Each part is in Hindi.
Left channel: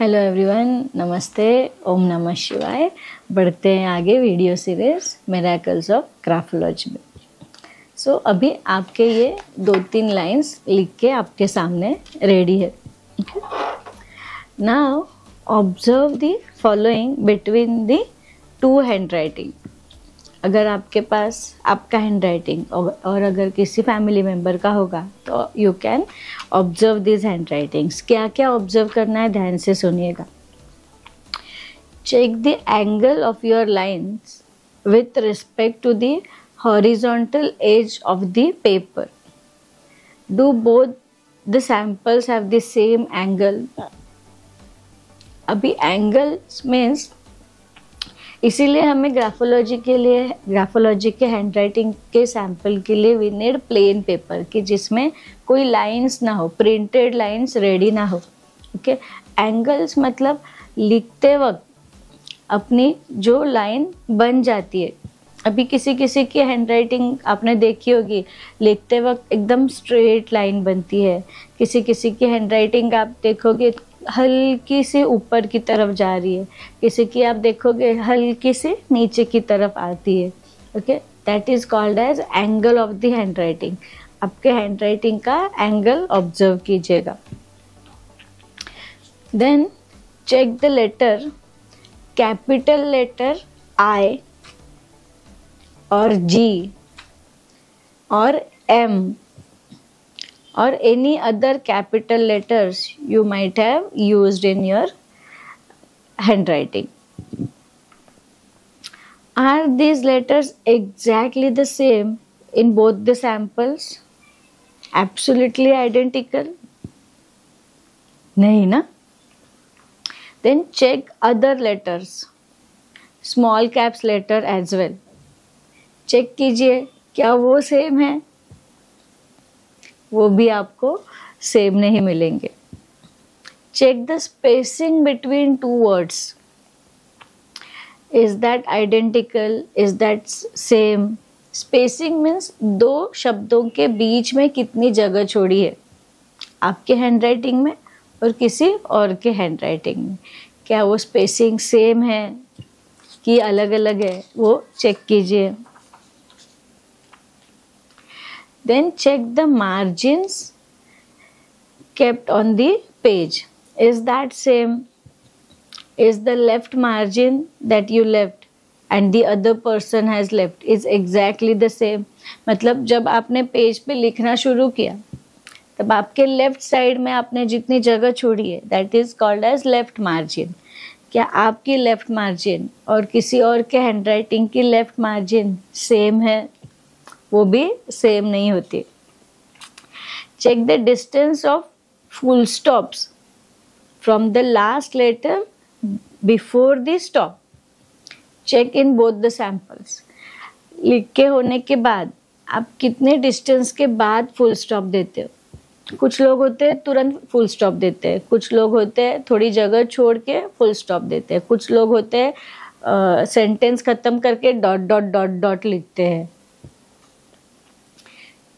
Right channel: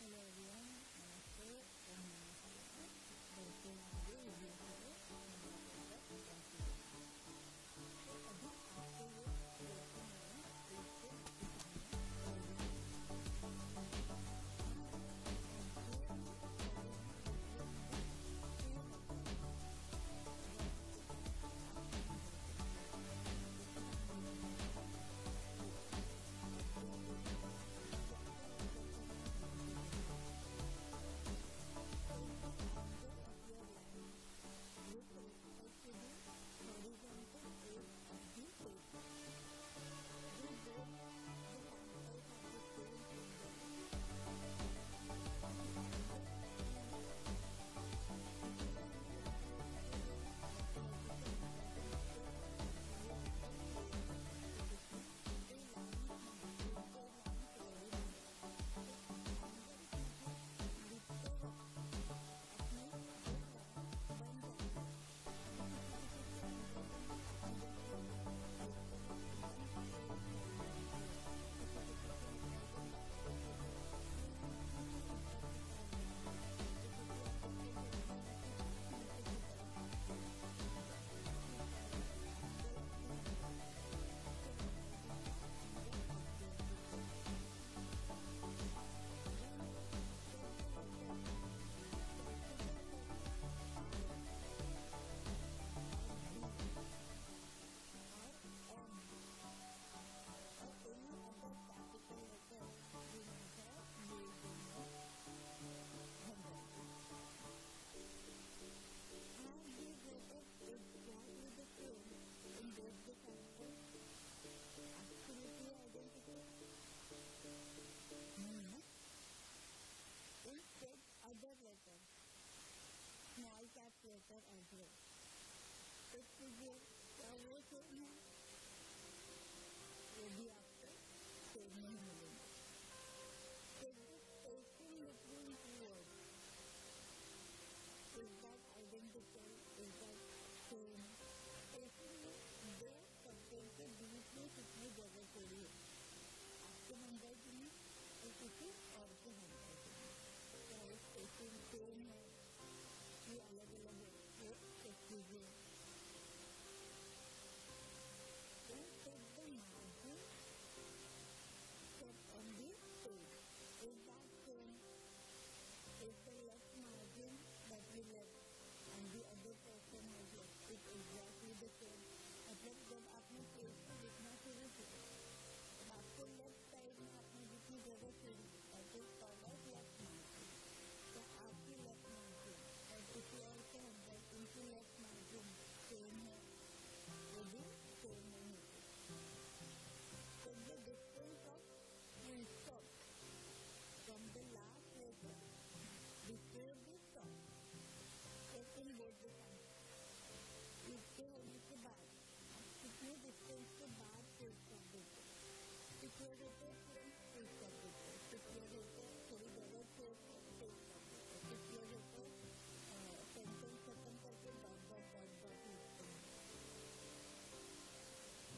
हेलो एवरीवन, नमस्ते, ओम नमः शिवाय। बढ़ते हैं आगे video series miracles of graphology में। सो अभी आपके ये 2-3 लाइंस लिख के आपके सामने रेडी है। Now observe the following between the two hand writing. अगर आपके पास आपका हैंड राइटिंग और अगर किसी फैमिली मेम्बर का होगा तो you can observe this hand writings. क्या क्या ऑब्जर्व करना है, ध्यान से सुनिएगा। Check the angle of your lines with respect to the horizontal edge of the paper. Do both the samples have the same angle. अभी एंगल्स मीन्स इसीलिए हमें ग्राफोलॉजी के हैंड राइटिंग के सैंपल के लिए वी नीड प्लेन पेपर कि जिसमें कोई लाइंस ना हो, प्रिंटेड लाइंस रेडी ना हो। ओके, एंगल्स मतलब लिखते वक्त अपनी जो लाइन बन जाती है। अभी किसी किसी की हैंड राइटिंग आपने देखी होगी, लिखते वक्त एकदम स्ट्रेट लाइन बनती है। किसी किसी की हैंड राइटिंग आप देखोगे हल्की से ऊपर की तरफ जा रही है, किसी की आप देखोगे हल्की से नीचे की तरफ आती है। Okay, that is called as angle of the handwriting. आपके हैंड राइटिंग का एंगल ऑब्जर्व कीजिएगा। Then check the letter, capital letter I और जी और M or any other capital letters you might have used in your handwriting. Are these letters exactly the same in both the samples? Absolutely identical? नहीं ना? Then check other letters, small caps letter as well. Check कीजिए क्या वो सेम है, वो भी आपको सेम नहीं मिलेंगे। Check the spacing between two words, is that identical, is that same. Spacing means दो शब्दों के बीच में कितनी जगह छोड़ी है आपके हैंड राइटिंग में और किसी और के हैंड राइटिंग में। क्या वो स्पेसिंग सेम है कि अलग अलग है, वो चेक कीजिए। Then check the margins kept on the page. Is that same? Is the left margin that you left and the other person has left is exactly the same? मतलब जब आपने पेज पे लिखना शुरू किया तब आपके लेफ्ट साइड में आपने जितनी जगह छोड़ी है that is called as left margin. क्या आपकी लेफ्ट मार्जिन और किसी और के हैंड राइटिंग की लेफ्ट मार्जिन सेम है? वो भी सेम नहीं होती। Check the distance of full stops from the last letter before the stop. Check in both the samples. लिख के होने के बाद आप कितने डिस्टेंस के बाद फुल स्टॉप देते हो। कुछ लोग होते हैं तुरंत फुल स्टॉप देते हैं, कुछ लोग होते हैं थोड़ी जगह छोड़ के फुल स्टॉप देते हैं, कुछ लोग होते हैं सेंटेंस खत्म करके डॉट डॉट डॉट डॉट लिखते हैं।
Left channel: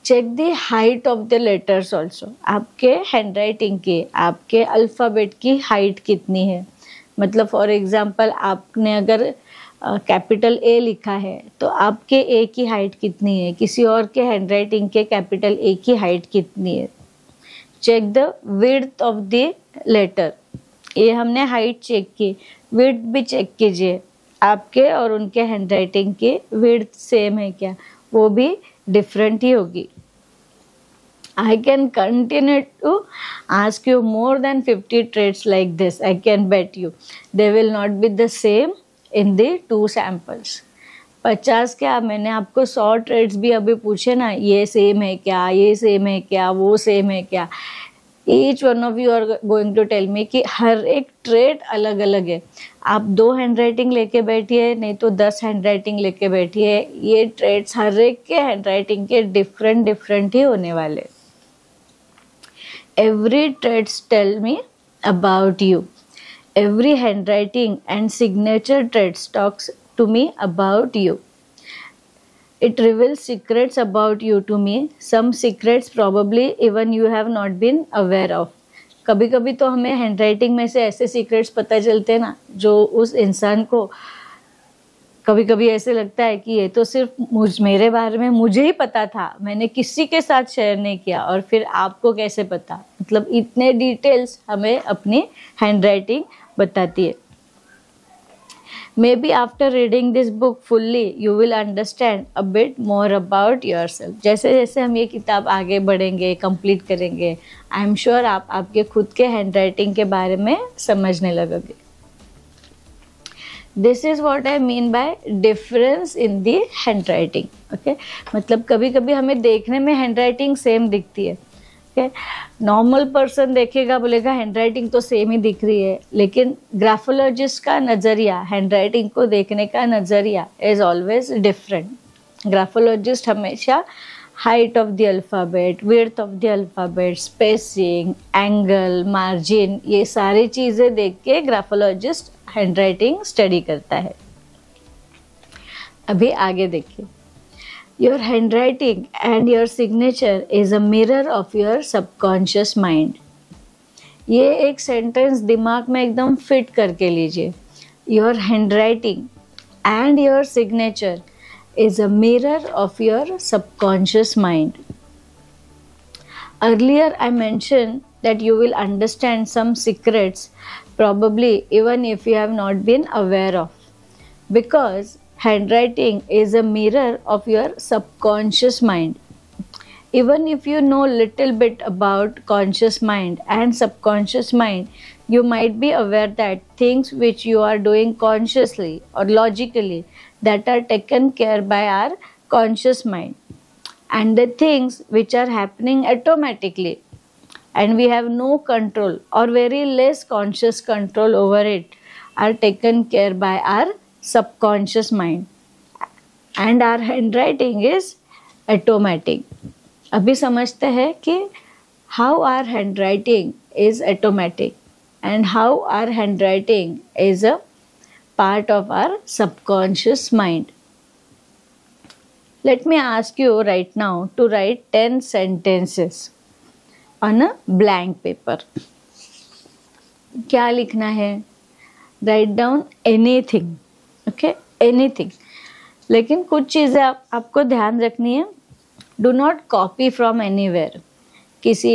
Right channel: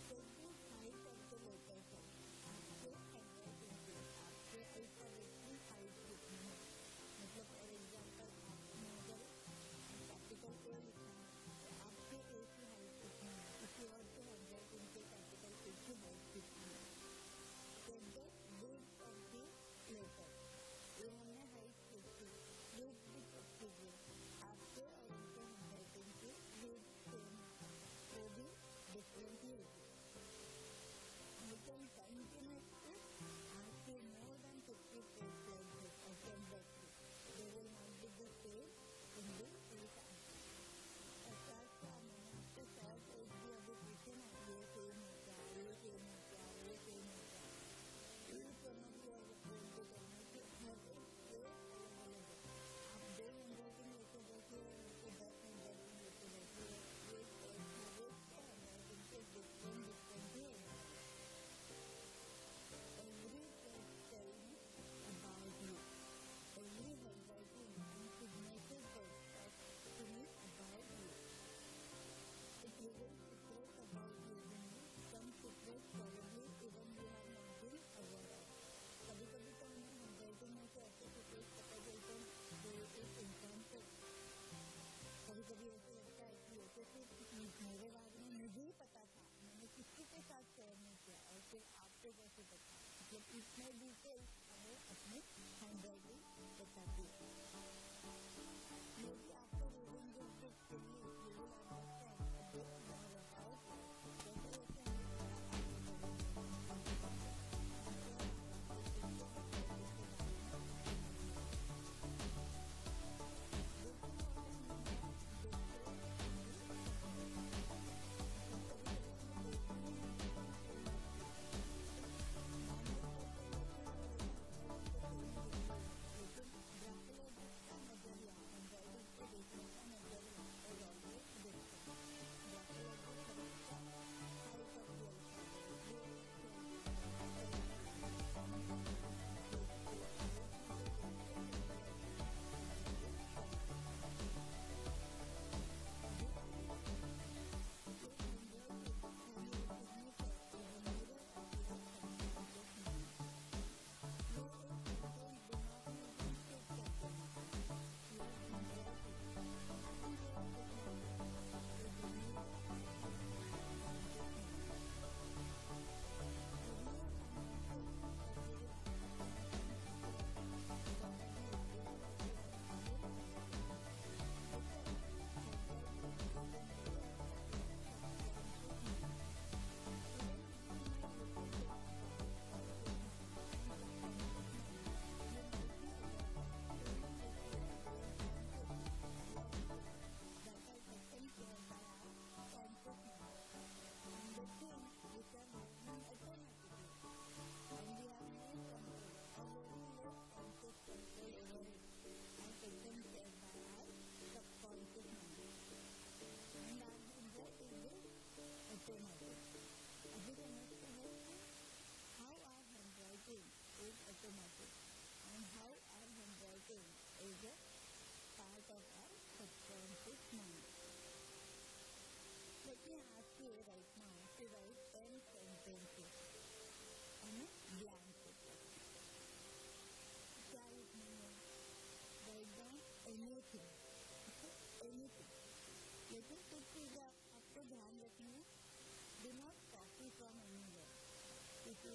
Check the height of the letters also. आपके हैंड राइटिंग की, आपके अल्फ़ाबेट की हाइट कितनी है। मतलब फॉर एग्जांपल आपने अगर कैपिटल ए लिखा है तो आपके ए की हाइट कितनी है, किसी और के हैंड राइटिंग के कैपिटल ए की हाइट कितनी है। Check the width of the letter. ये हमने हाइट चेक की, विड्थ भी चेक कीजिए। आपके और उनके हैंड राइटिंग की विड्थ सेम है क्या, वो भी डिफरेंट ही होगी। I can continue to ask you more than 50 traits like this. I can bet you they will not be the same in the two samples. 50 क्या, मैंने आपको 100 ट्रेड्स भी अभी पूछे ना, ये सेम है क्या, ये सेम है क्या, वो सेम है क्या। Each one of you are going to tell me कि हर एक ट्रेड अलग अलग है। आप 2 हैंड राइटिंग लेके बैठिए, नहीं तो 10 हैंड राइटिंग लेके बैठिए, ये ट्रेड्स हर एक के हैंड राइटिंग के डिफरेंट ही होने वाले। Every traits tell me about you. Every handwriting and signature traits talks to me about you. It reveals secrets about you to me. Some secrets probably even you have not been aware of. कभी कभी तो हमें हैंडराइटिंग में से ऐसे सीक्रेट्स पता चलते हैं ना, जो उस इंसान को कभी कभी ऐसे लगता है कि ये तो सिर्फ मेरे बारे में मुझे ही पता था, मैंने किसी के साथ शेयर नहीं किया, और फिर आपको कैसे पता। मतलब इतने डिटेल्स हमें अपनी हैंडराइटिंग बताती है। Maybe after reading this book fully, you will understand a bit more about yourself. जैसे जैसे हम ये किताब आगे बढ़ेंगे, कंप्लीट करेंगे, आई एम श्योर आप आपके खुद के हैंडराइटिंग के बारे में समझने लगोगे। This is what I mean by difference in the handwriting. Okay, मतलब कभी कभी हमें देखने में हैंडराइटिंग सेम दिखती है। ओके, नॉर्मल पर्सन देखेगा, बोलेगा हैंडराइटिंग तो सेम ही दिख रही है, लेकिन ग्राफोलॉजिस्ट का नज़रिया, हैंडराइटिंग को देखने का नज़रिया इज़ ऑलवेज डिफरेंट। ग्राफोलॉजिस्ट हमेशा height of the alphabet, width of the alphabet, spacing, angle, margin, ये सारी चीज़ें देख के ग्राफोलॉजिस्ट हैंडराइटिंग स्टडी करता है। अभी आगे देखिए, your handwriting and your signature is a mirror of your subconscious mind. ये एक सेंटेंस दिमाग में एकदम फिट करके लीजिए। Your handwriting and your signature is a mirror of your subconscious mind. Earlier I mentioned that you will understand some secrets, probably even if you have not been aware of, because handwriting is a mirror of your subconscious mind. Even if you know little bit about conscious mind and subconscious mind, you might be aware that things which you are doing consciously or logically that are taken care by our conscious mind, and the things which are happening automatically and we have no control or very less conscious control over it are taken care by our subconscious mind, and our handwriting is automatic. अभी समझते हैं कि how our handwriting is automatic and how our handwriting is a part of our subconscious mind. Let me ask you right now to write 10 sentences on a blank paper. क्या लिखना है? Write down anything, okay? Anything. लेकिन कुछ चीज़ें आपको ध्यान रखनी है। Do not copy from anywhere. किसी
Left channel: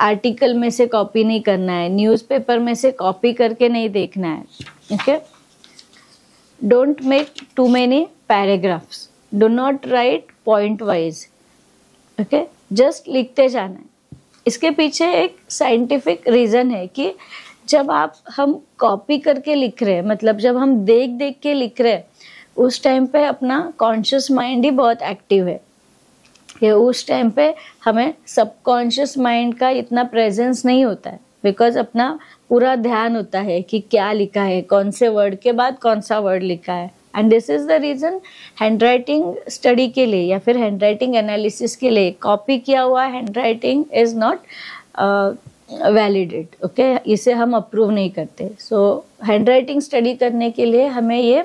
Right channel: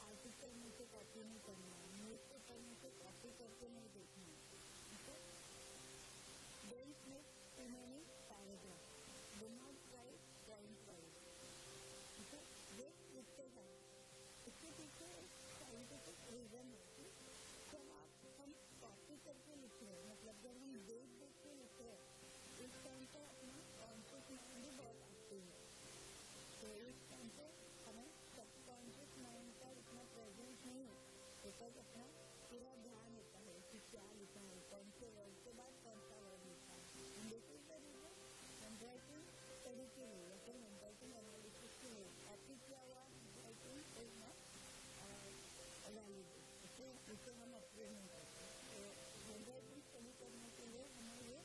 आर्टिकल में से कॉपी नहीं करना है, न्यूज़पेपर में से कॉपी करके नहीं देखना है, okay? Don't make too many paragraphs. Do not write point wise, okay? Just लिखते जाना है। इसके पीछे एक साइंटिफिक रीज़न है कि जब हम कॉपी करके लिख रहे हैं, मतलब जब हम देख देख के लिख रहे हैं, उस टाइम पे अपना कॉन्शियस माइंड ही बहुत एक्टिव है। कि उस टाइम पे हमें सबकॉन्शियस माइंड का इतना प्रेजेंस नहीं होता है, बिकॉज अपना पूरा ध्यान होता है कि क्या लिखा है, कौन से वर्ड के बाद कौन सा वर्ड लिखा है। And this is the reason handwriting study के लिए या फिर हैंडराइटिंग एनालिसिस के लिए कॉपी किया हुआ handwriting is not validate, okay? इसे हम अप्रूव नहीं करते। सो हैंडराइटिंग स्टडी करने के लिए हमें ये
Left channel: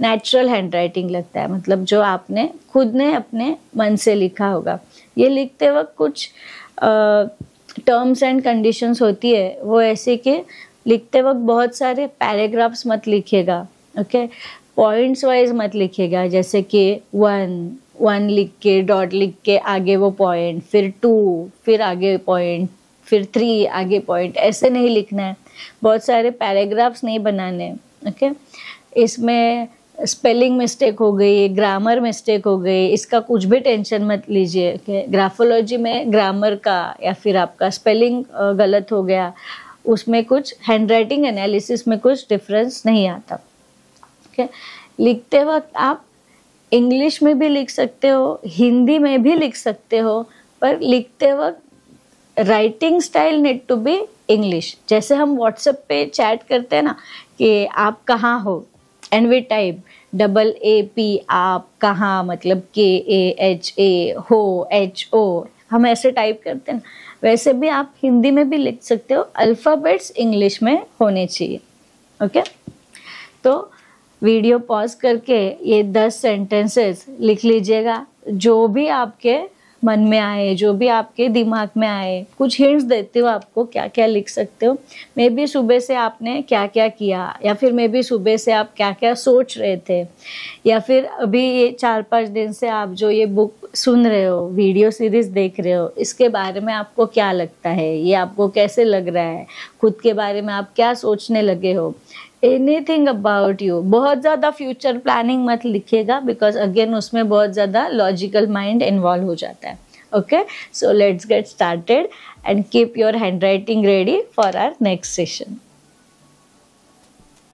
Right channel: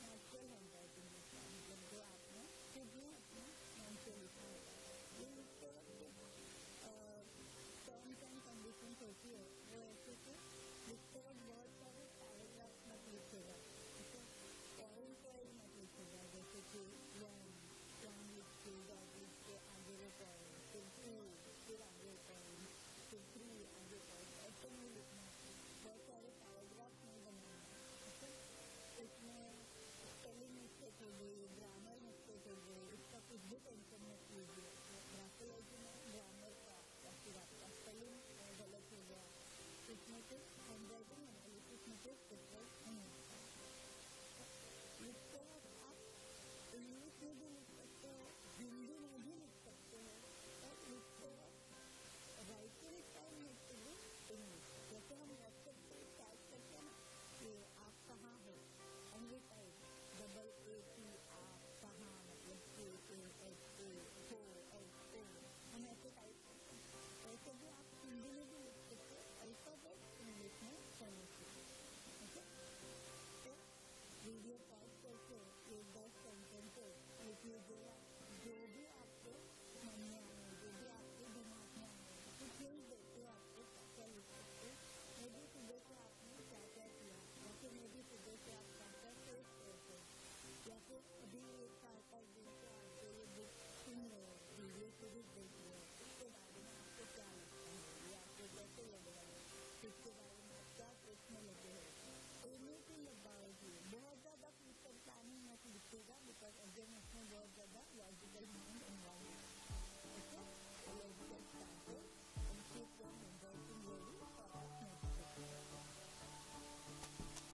नेचुरल हैंडराइटिंग लगता है, मतलब जो आपने खुद ने अपने मन से लिखा होगा। ये लिखते वक्त कुछ टर्म्स एंड कंडीशंस होती है, वो ऐसे कि लिखते वक्त बहुत सारे पैराग्राफ्स मत लिखिएगा, ओके? पॉइंट्स वाइज मत लिखिएगा, जैसे कि 1 लिख के डॉट लिख के आगे वो पॉइंट, फिर 2, फिर आगे पॉइंट, फिर 3 आगे पॉइंट, ऐसे नहीं लिखना है। बहुत सारे पैराग्राफ्स नहीं बनाने हैं, ओके? इसमें स्पेलिंग मिस्टेक हो गई, ग्रामर मिस्टेक हो गई, इसका कुछ भी टेंशन मत लीजिए। ओके, ग्राफोलॉजी में ग्रामर का या फिर आपका स्पेलिंग गलत हो गया, उसमें कुछ हैंडराइटिंग एनालिसिस में कुछ डिफरेंस नहीं आता। ओके, लिखते वक्त आप इंग्लिश में भी लिख सकते हो, हिंदी में भी लिख सकते हो, पर लिखते वक्त writing style need to be English. जैसे हम व्हाट्सएप पे चैट करते हैं ना कि आप कहाँ हो, एंड वी टाइप AA-P, आप कहाँ, मतलब KAHA, हो, HO, हम ऐसे टाइप करते हैं ना, वैसे भी आप हिंदी में भी लिख सकते हो। अल्फ़ाबेट्स इंग्लिश में होने चाहिए, ओके? तो वीडियो पॉज करके ये 10 सेंटेंसेस लिख लीजिएगा, जो भी आपके मन में आए, जो भी आपके दिमाग में आए, कुछ हिंट्स देती हूँ आपको क्या क्या लिख सकते हो। मे बी सुबह से आपने क्या क्या किया, या फिर मे बी सुबह से आप क्या क्या सोच रहे थे, या फिर अभी ये 4-5 दिन से आप जो ये बुक सुन रहे हो, वीडियो सीरीज देख रहे हो, इसके बारे में आपको क्या लगता है, ये आपको कैसे लग रहा है, खुद के बारे में आप क्या सोचने लगे हो, एनीथिंग अबाउट यू। बहुत ज़्यादा फ्यूचर प्लानिंग मत लिखिएगा, बिकॉज अगेन उसमें बहुत ज़्यादा लॉजिकल माइंड इन्वॉल्व हो जाता है। Okay, so let's get started and keep your hand writing ready for our next session.